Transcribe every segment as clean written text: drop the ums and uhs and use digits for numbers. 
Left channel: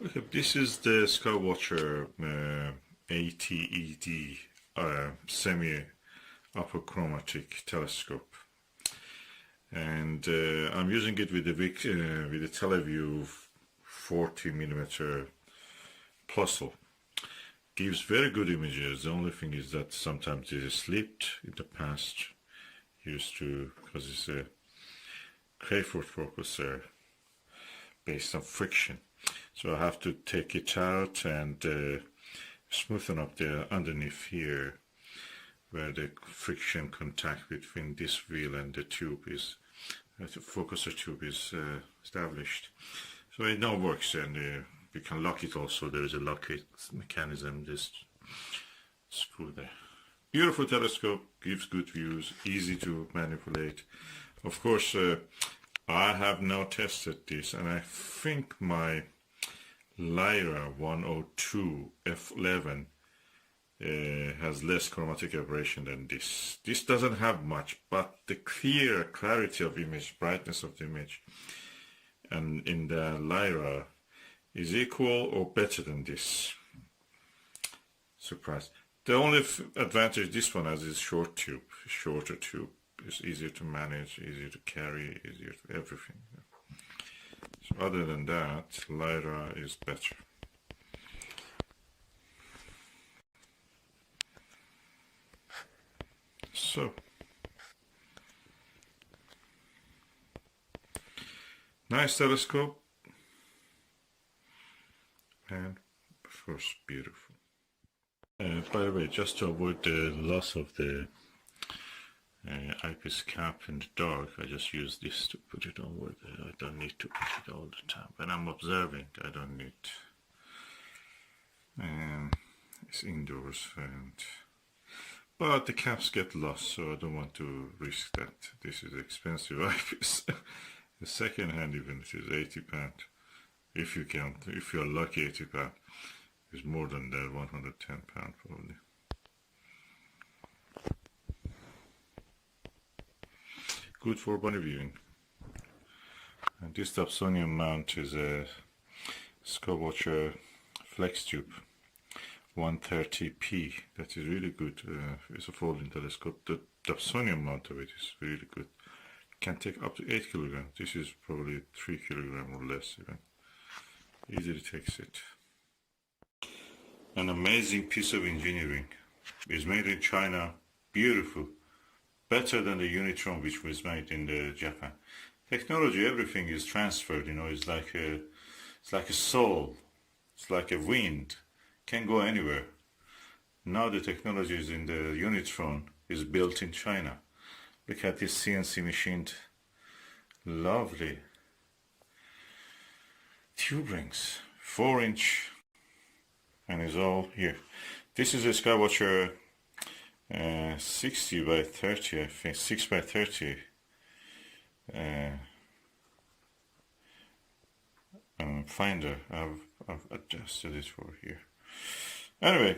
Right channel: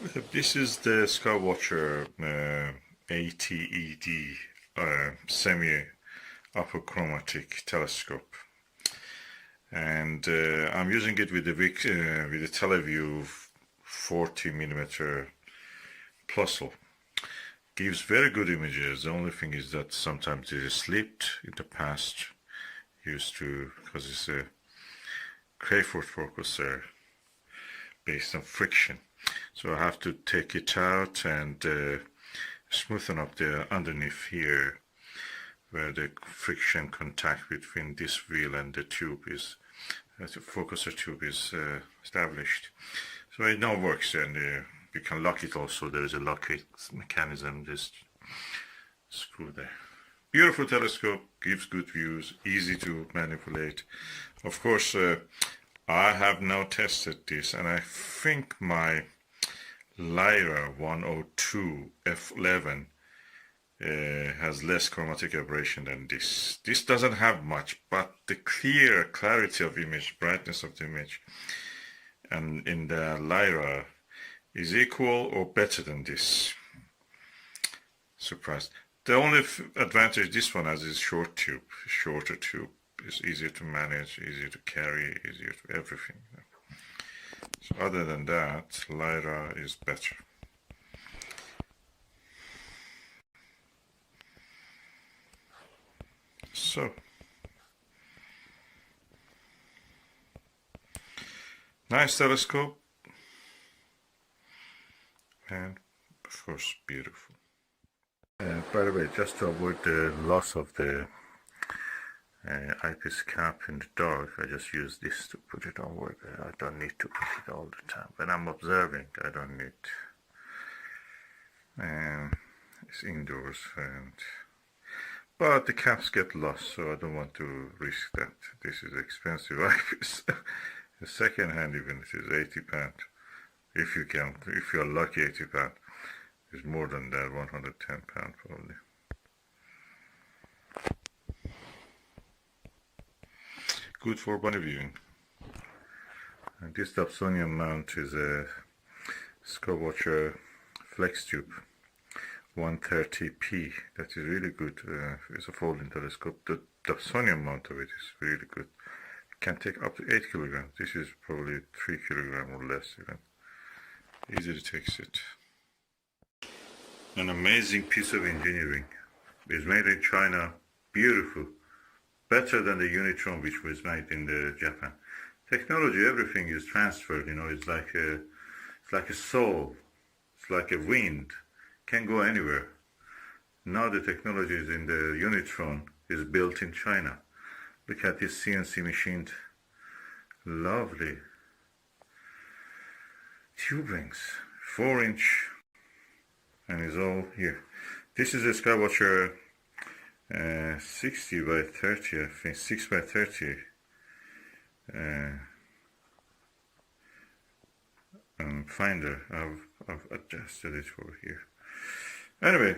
This is the Skywatcher 80 ED semi-apochromatic telescope, and I'm using it with the Teleview 40 millimeter plusle. Gives very good images. The only thing is that sometimes it is slipped in the past, used to, because it's a Crayford focuser based on friction. So I have to take it out and smoothen up the underneath here, where the friction contact between this wheel and the tube is, the focuser tube is established. So it now works, and you can lock it also. There is a lock mechanism, just screw there. Beautiful telescope, gives good views, easy to manipulate. Of course, I have now tested this, and I think my Lyra 102 f11 has less chromatic aberration than this. This doesn't have much, but the clarity of image, brightness of the image, and in the Lyra is equal or better than this. Surprised. The only advantage this one has is shorter tube. It's easier to manage, easier to carry, easier to everything. So other than that, Lyra is better. So, nice telescope, and of course beautiful. By the way, just to avoid the loss of the eyepiece cap in the dark, I just use this to put it onward. I don't need to put it all the time. When I'm observing, I don't need. It's indoors, but the caps get lost, so I don't want to risk that. This is expensive eyepiece. The second hand, even, it is £80. If you count, if you're lucky, £80. It's more than that, £110 probably. Good for bunny viewing. And this Dobsonian mount is a Skywatcher flex tube 130p. That is really good. It's a folding telescope. The Dobsonian mount of it is really good. It can take up to 8 kilograms. This is probably 3 kilograms or less even. Easily takes it. An amazing piece of engineering. It's made in China. Beautiful. Better than the Unitron, which was made in Japan. Technology, everything is transferred. You know, it's like a soul. It's like a wind. Can go anywhere. Now the technology is in the Unitron is built in China. Look at this CNC machined, lovely tube rings, 4-inch, and it's all here. This is a Skywatcher 60 by 30, I think, 6 by 30 finder. I've adjusted it for here. Anyway,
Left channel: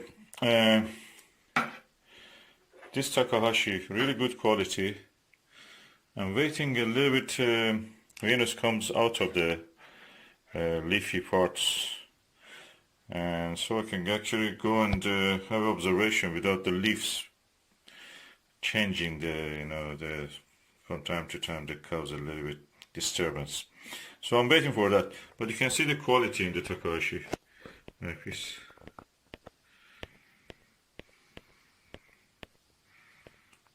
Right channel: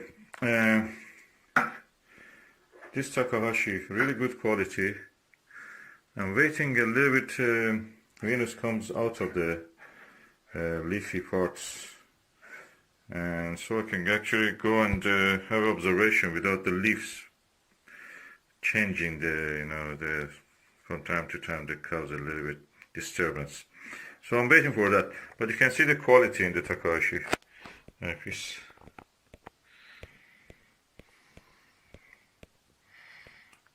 this Takahashi, really good quality. I'm waiting a little bit. Venus comes out of the leafy parts, and so I can actually go and have observation without the leaves changing from time to time that causes a little bit disturbance. So I'm waiting for that, but you can see the quality in the Takahashi piece.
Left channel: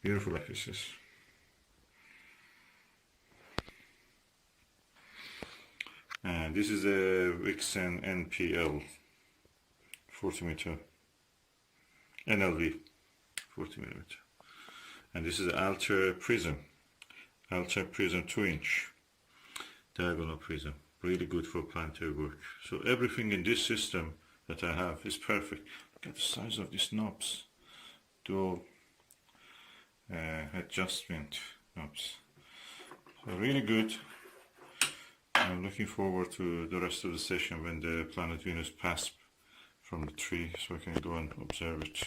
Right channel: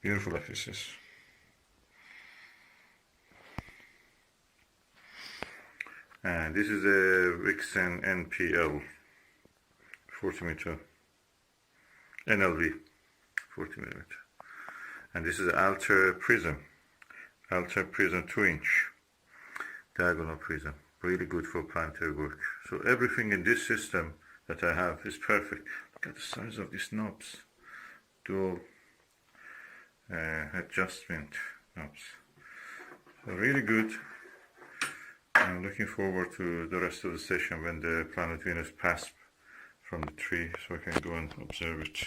Beautiful pieces. And this is a Vixen NPL 40 meter NLV 40 millimeter, and this is Alter Prism 2-inch diagonal prism, really good for planetary work. So everything in this system that I have is perfect. Look at the size of these knobs, dual adjustment knobs, so really good. I'm looking forward to the rest of the session when the planet Venus passes from the tree, so I can go and observe it.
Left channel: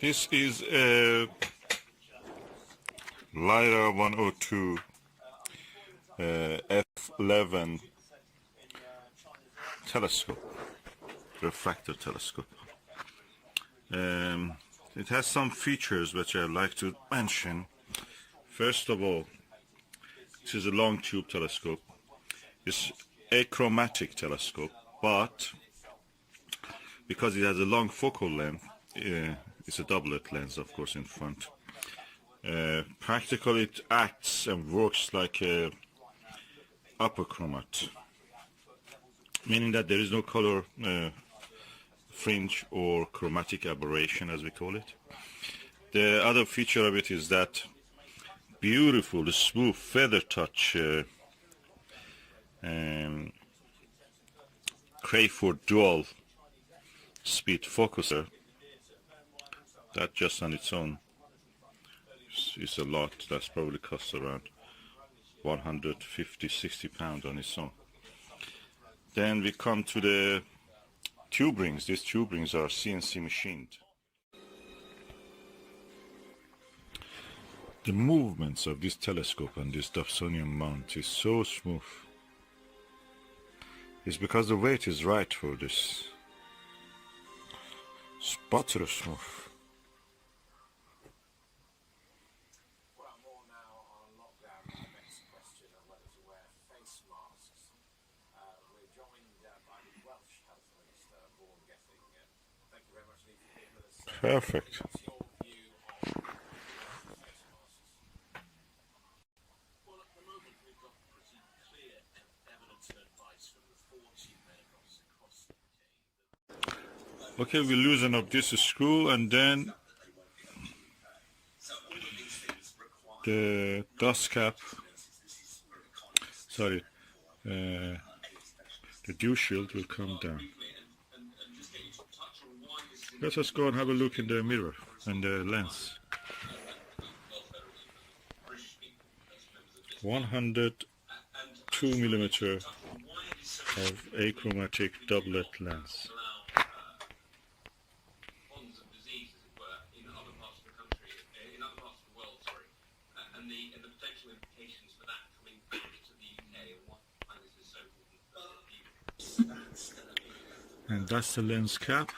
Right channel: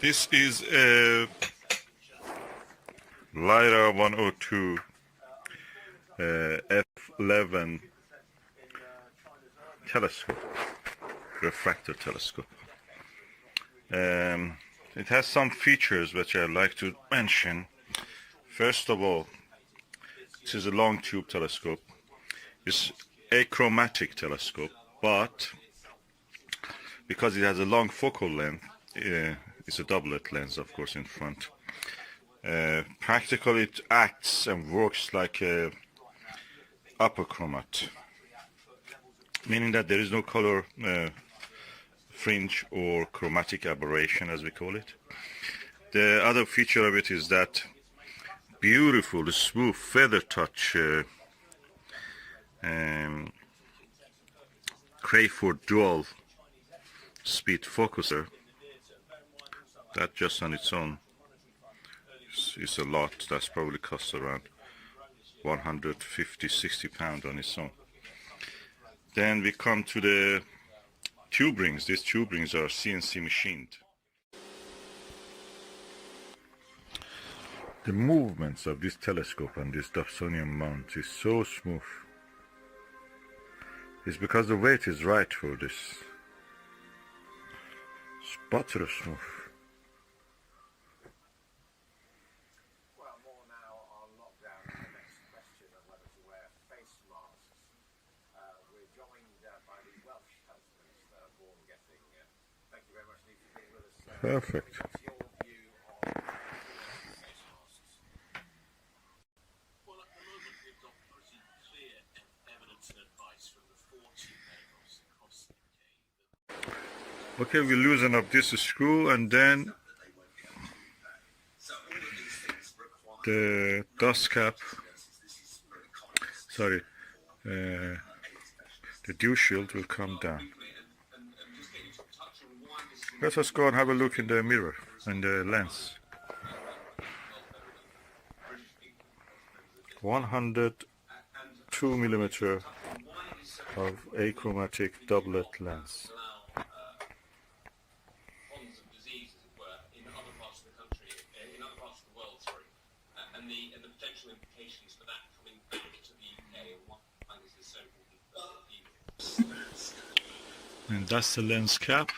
This is a Lyra 102 f11 telescope, refractor telescope. It has some features which I'd like to mention. First of all, this is a long tube telescope. It's achromatic telescope, but because it has a long focal length, it's a doublet lens, of course, in front. Practically, it acts and works like a apochromatic, meaning that there is no color fringe or chromatic aberration, as we call it. The other feature of it is that beautiful, smooth feather touch Crayford dual speed focuser. That just on its own is a lot. That's probably costs around 150-60 pounds on its own. Then we come to the tube rings. These tube rings are CNC machined. The movements of this telescope and this Dobsonian mount is so smooth. It's because the weight is right for this. It's butter smooth. Perfect. Okay, we loosen up this screw and then the dust cap, the dew shield will come down. Let us go and have a look in the mirror and the lens. 102mm of achromatic doublet lens. And that's the lens cap.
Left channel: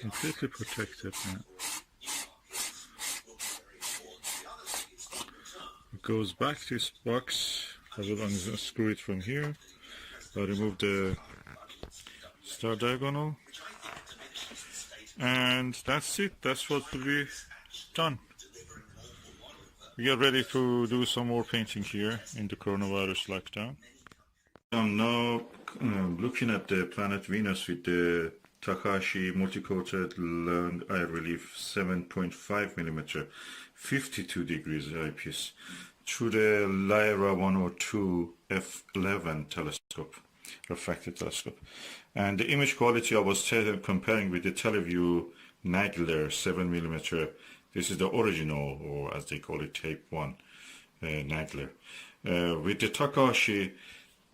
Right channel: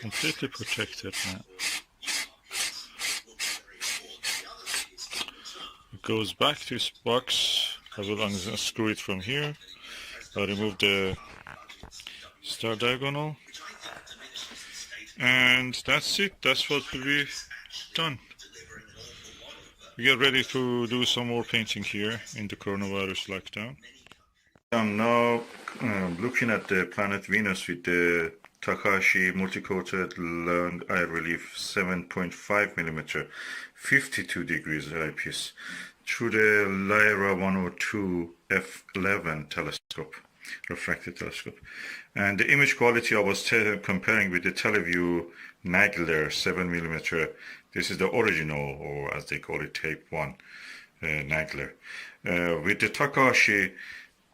Completely protected now. It goes back to its box. I will unscrew it from here. I'll remove the star diagonal. And that's it. That's what will be done. We get ready to do some more painting here in the coronavirus lockdown. I'm now looking at the planet Venus with the Takahashi multi-coated long eye relief 7.5mm 52 degrees eyepiece through the Lyra 102 f11 telescope, refractor telescope. And the image quality I was comparing with the Teleview Nagler 7mm. This is the original, or as they call it, tape 1 Nagler. With the Takahashi,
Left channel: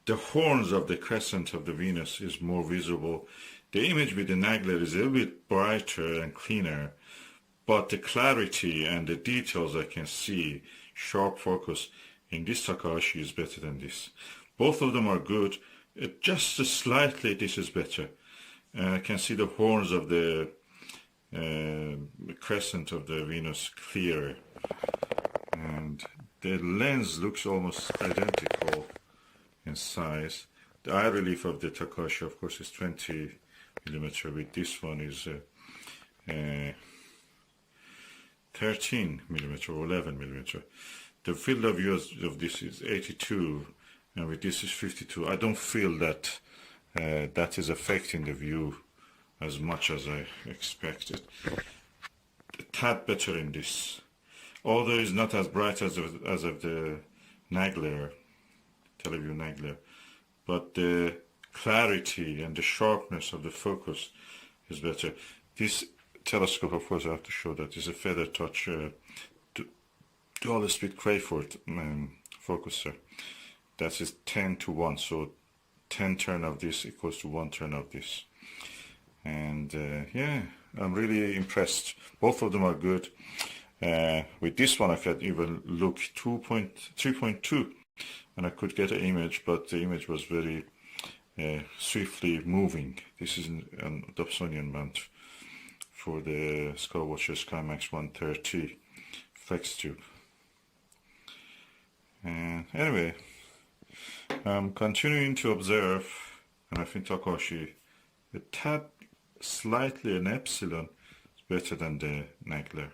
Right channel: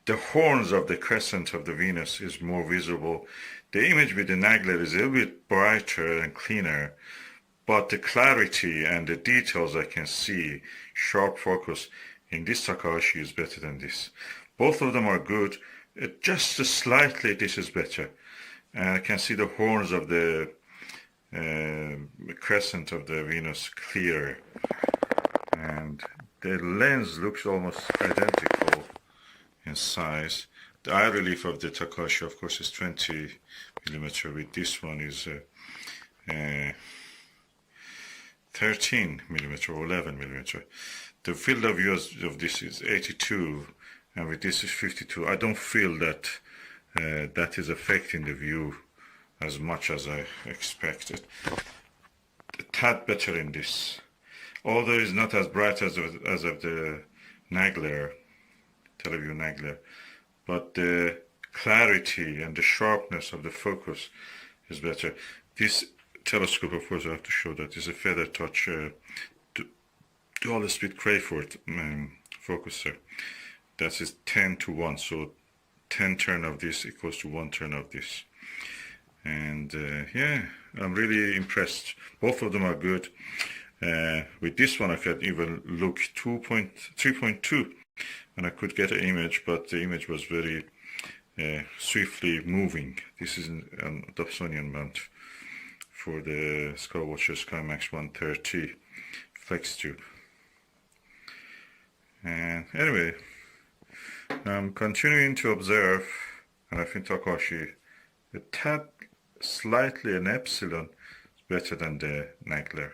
the horns of the crescent of the Venus is more visible. The image with the Nagler is a little bit brighter and cleaner, but the clarity and the details I can see, sharp focus, in this Takahashi is better than this. Both of them are good. Just slightly this is better. I can see the horns of the crescent of the Venus clearer. And the lens looks almost identical in size. The eye relief of the Takahashi, of course, is 20mm. With this one is 13mm or 11mm. The field of view of this is 82, and with this is 52. I don't feel that that is affecting the view as much as I expected. A tad better in this, although it's not as bright as of the Nagler, Teleview Nagler, but the clarity and the sharpness of the focus is better. This telescope, of course, I have to show that is a feather touch dual speed Crayford focuser. That is 10:1, so 10 turn of this equals to 1 turn of this. And yeah, I'm really impressed. Both of them are good. With this one I could even look 3.2 and I could get an image, but the image was very swiftly moving. This is an Dobsonian mount for the Skywatcher SkyMax 130 flex tube. And anyway, I'm continuing to observe, and I think Takashi, a tad slightly an epsilon better than the Nagler.